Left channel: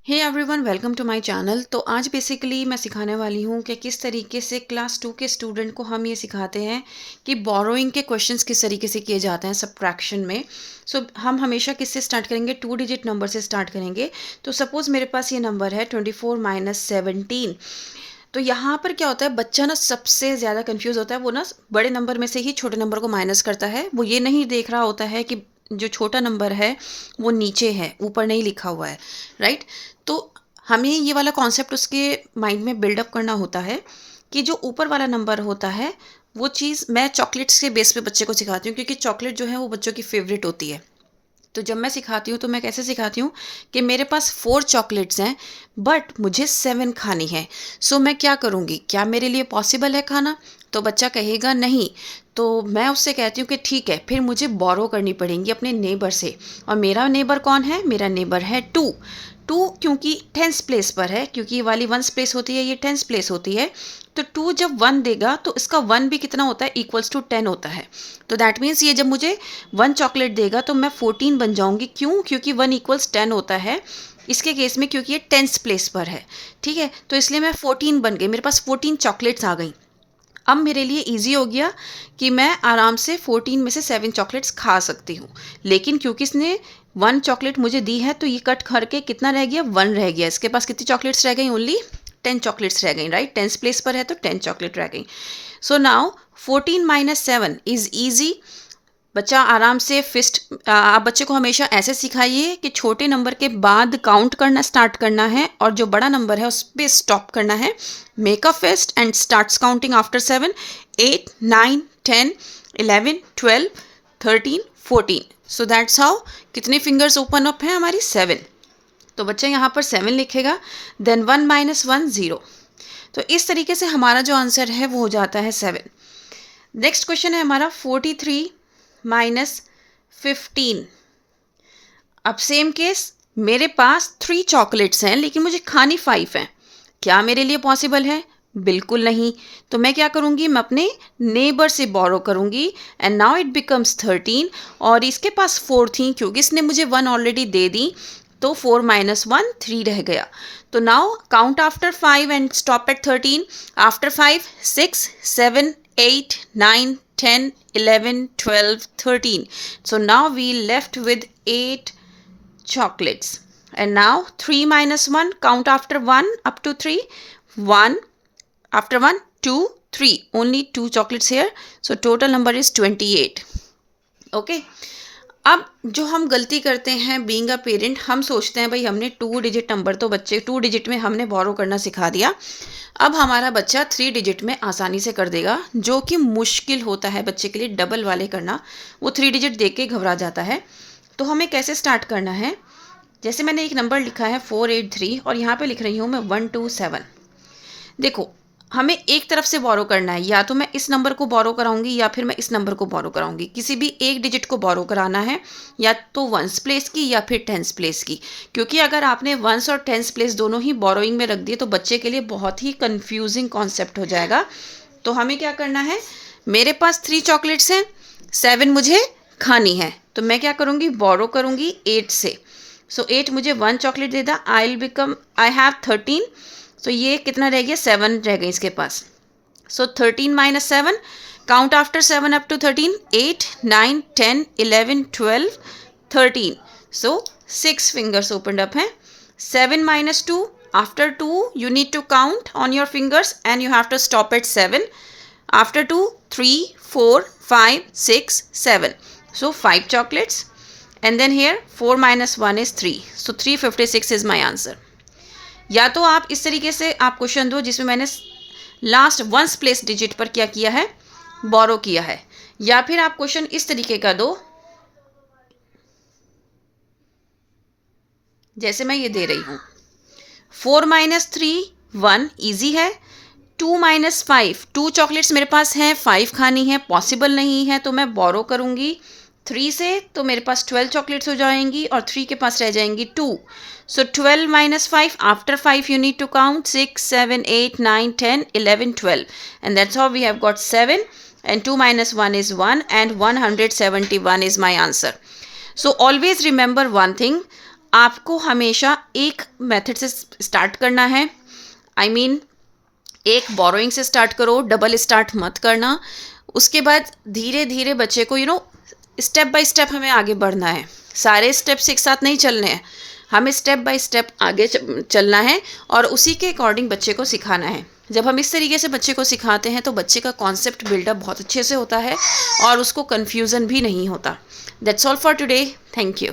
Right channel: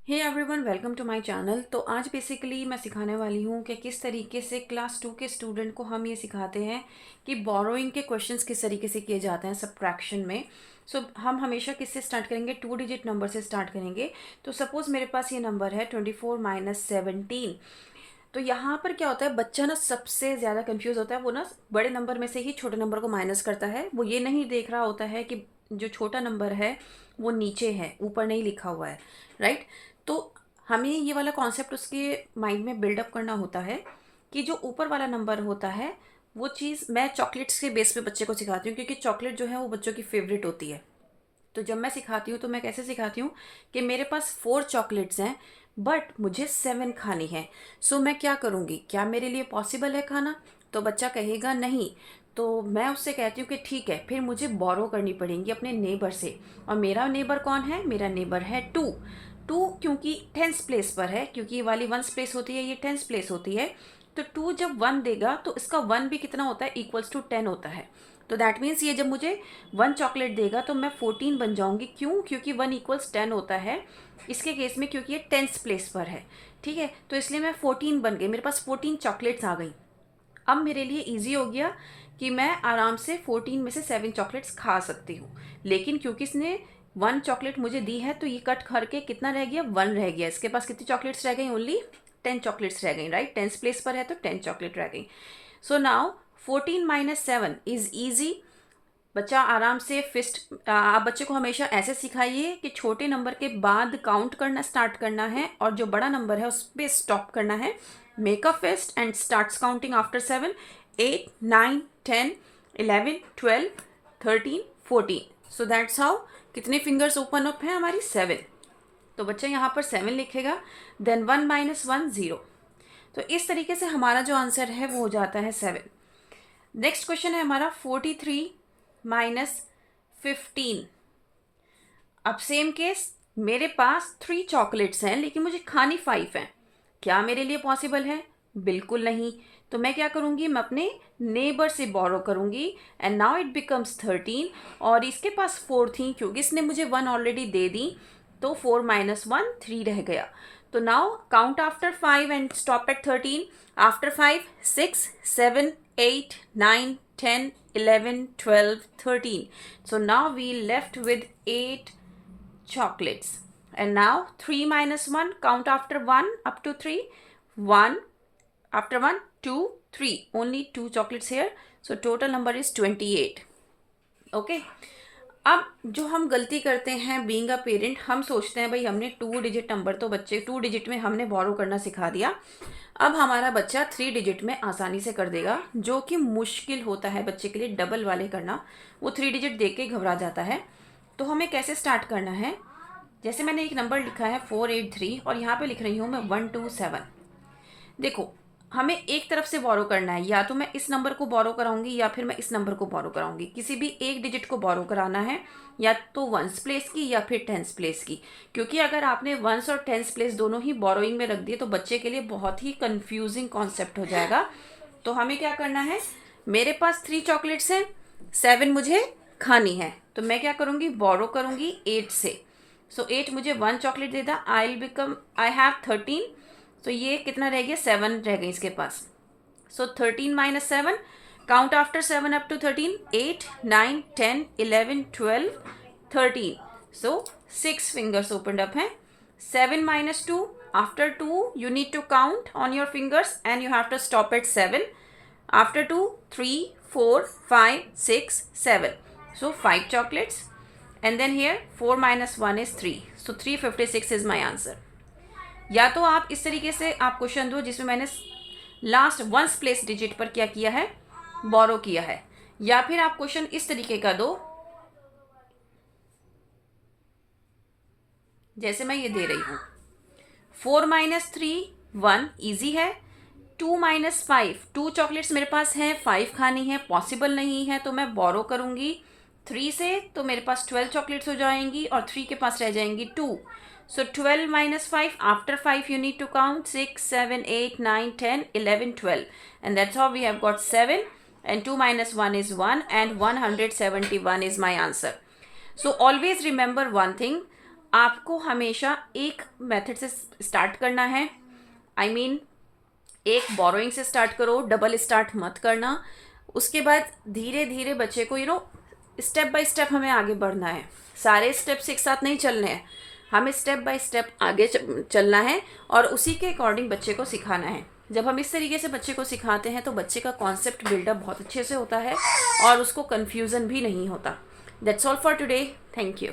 Hey everyone, welcome to my channel. तो आज basically मैं सिखाने वाली हूँ कि किस तरीके से क्लास 2 के स्टूडेंट को हम ये सिखाते हैं कि बोरोइंग के क्वेश्चंस किस तरीके से किए जाते हैं सब्ट्रैक्शन में। हम हमेशा किससे स्टार्ट करेंगे? 2 डिजिट नंबर से स्टार्ट करेंगे। तो सपोज़ मेरे पास ये नंबर है 24 माइनस 17। तो यहाँ पर क्या होता है, बच्चा ना सबसे ज़्यादा कंफ्यूज होता है। वो ना बड़े नंबर में से ही छोटे नंबर को माइनस करता है। वो ये नहीं देख रहा होता है कि जो छोटा नंबर है वो नीचे है, ऊपर नहीं लिखा हुआ है, राइट। तो हमें ये वाला कॉन्सेप्ट उसके माइंड में बिल्डअप करना होता है कि जो ऊपर वाला नंबर होता है वो चीज़ मैं चॉकलेट्स के बेस पे बच्चे को सिखाती हूँ, क्योंकि चॉकलेट जो है वो बच्चों की फेवरेट होती है। तो जब मैं सिखाती हूँ तो मैं कैसे सिखाती हूँ कि मेरे पास 4 चॉकलेट्स हैं, बट मुझे 7 खानी है। सो मैं क्या करूँगी? क्या मेरे लिए पॉसिबल है खाना? तो बच्चा कहेगा नहीं। तो मैं उससे कहती हूँ कि ठीक है, फिर मुझे बोरो करनी पड़ेंगी अपने नेबर से। और मेरा नेबर कौन है? मेरा नेबर है 2। 2 क्योंकि 10th प्लेस पर है, क्योंकि ये वाली 1st प्लेस होती है, ये 10th प्लेस होती है। तो 2 जब 1 देगा तो इसका 1 भी कितना होता है? इक्वल्स टू 10 होता है। तो दैट मीन्स ये जब मुझे 1 चॉकलेट देगा तो मैं 14 बन जाऊंगी। क्यों? क्योंकि 1 इक्वल्स 10 होता है इसके केस में, क्योंकि ये 10th प्लेस पर है। ठीक है, तो इसलिए मैं 14 बन गई, मेरे पास 14 चॉकलेट्स आ गई। अब मेरे लिए ईजी हो गया कि मैं आराम से 14 में से 7 चॉकलेट्स खा सकती हूँ। लेकिन क्योंकि इसने 1 चॉकलेट मुझे दी है तो ये कट करके कितना रह गया? 1 रह गया। इसके पास कितनी चॉकलेट्स रह गई? ओनली 10 चॉकलेट्स रह गई, राइट। 10th प्लेस पर है तो 10 चॉकलेट रह गई। So now 14 minus 7 is easy. बच्चा आराम से फिस्ट, आप बच्चे को हमेशा ऐसे सिखाइए कि छोटे नंबर के बाद काउंट करना स्टार्ट करना है और जो बड़ा नंबर है उस पर स्टॉप करना है। Make a fist and starts counting after 7, 8, 9, 10, 11, 12, 13, 14। So that's how. कितने फिंगर्स ओपन अप हैं हमारी? 7। तो बच्चा यहाँ पर 7 लिखेगा, देन 1 माइनस 1 0। तो इस तरीके से हमारा जो आंसर है वो हो जाता है 7। नेक्स्ट क्वेश्चन है हमारा 43 माइनस 15। अब सेम केस, मेरे पास 3 चॉकलेट्स हैं लेकिन मुझे खानी 5 हैं। क्या मेरे लिए पॉसिबल है? बिल्कुल नहीं। तो मैं क्या करूँगी? मैं अपने नेबर से बोरो करूँगी एंड नाउ इट बिकम्स 13। और इसके पास 4 थी, क्योंकि इसने मुझे 1 ऑलरेडी दे दी, तो 4 माइनस 1 3 रह गया। तो now count after 5 and stop at 13। After 5 6 7 8 9 10 11 12 13। So now we left with 8 chocolates. And now 3 minus 1, count after 1 up to 3. 1, after 1, 2, 3. Only 2 chocolates here. So total number is 28. Okay. अब जो हम गलती करते हैं बीइंग अ पेरेंट, हम सोचते हैं भाई हमने 2 डिजिट नंबर, तो बच्चे 2 डिजिट में हमने बोरो करना सिखा दिया, अब हमारा बच्चा 3 डिजिट में आसानी से कर देगा, जो कि मुश्किल होता है बच्चे के लिए डबल वाले करना। वो 3 डिजिट देख के घबरा जाता है। तो हमें कैसे स्टार्ट करना है? जैसे मैंने एक नंबर लिखा है 483 और यहाँ पे लिख रही हूँ मैं 127। देखो, हमें एक तरफ से बोरो करना है, या तो मैं इस नंबर को बोरो कराऊंगी या फिर मैं इस नंबर को बोरो कराऊंगी। किसी भी एक डिजिट को बोरो कराना है, या तो 1st प्लेस की या फिर 10th प्लेस की। क्योंकि अगर आपने 1st और 10th प्लेस दोनों ही बोरोइंग में रख दिए तो बच्चे के लिए बहुत ही कंफ्यूजिंग कॉन्सेप्ट हो जाएगा। तो हमें क्या करना है? मेरे पास 3 चॉकलेट्स हैं, 7 मुझे खानी है, तो मैं क्या करूँगी? बोरो करूँगी 8 से। सो 8 मुझे 1 चॉकलेट दे दा, आई हैव 13। तो ये कितना रह गया? 7 रह गए इसके पास। So 13 minus 7, count after 7 up to 13, 8 9 10 11 12 13। So 6 fingers opened up हैं। 7 minus 2, after 2 you need to count on your fingers and you have to stop at 7. After 2, 3 4 5 6 7. So 5 chocolates, and then here 4 minus 1 is 3. So 356 is my answer. या तो आप इस तरीके से आप question दो जिसमें मैंने लास्ट 1st प्लेस डिजिट पर क्या किया है? बोरो किया है। या फिर आप क्वेश्चन इस तरीके का दो जैसे मैं ये दे रही हूँ। 4 माइनस 3 1, ईजी है। 2 माइनस 5, 2 चॉकलेट्स मेरे पास हैं, 5 खानी है, पॉसिबल नहीं है, तो मैं बोरो करूँगी 3 से, तो मेरे पास 12 चॉकलेट्स हो जाएंगी और 3 के पास रह जाएंगी 2। So 12 minus 5, after 5 you need to count 6, 7, 8, 9, 10, 11, 12. And that's how we have got 7, and 2 minus 1 is 1, and 171 is my answer. So always remember one thing, आपको हमेशा एक मेथड से स्टार्ट करना है। आई मीन एक बोरोइंग से स्टार्ट करो, double start मत करना। उसके बाद धीरे धीरे बच्चे को स्टेप बाय स्टेप हमें आगे बढ़ना है। सारे स्टेप्स एक साथ नहीं चलने हैं, हमें स्टेप बाय स्टेप आगे चलना है और उसी के अकॉर्डिंग बच्चे को सिखाना है। जब हम इस तरीके से बच्चे को सिखाते हैं तो बच्चे का कॉन्सेप्ट बिल्डअप बहुत अच्छे से होता है और उसको कन्फ्यूज़न भी नहीं होता। That's all for today. Thank you.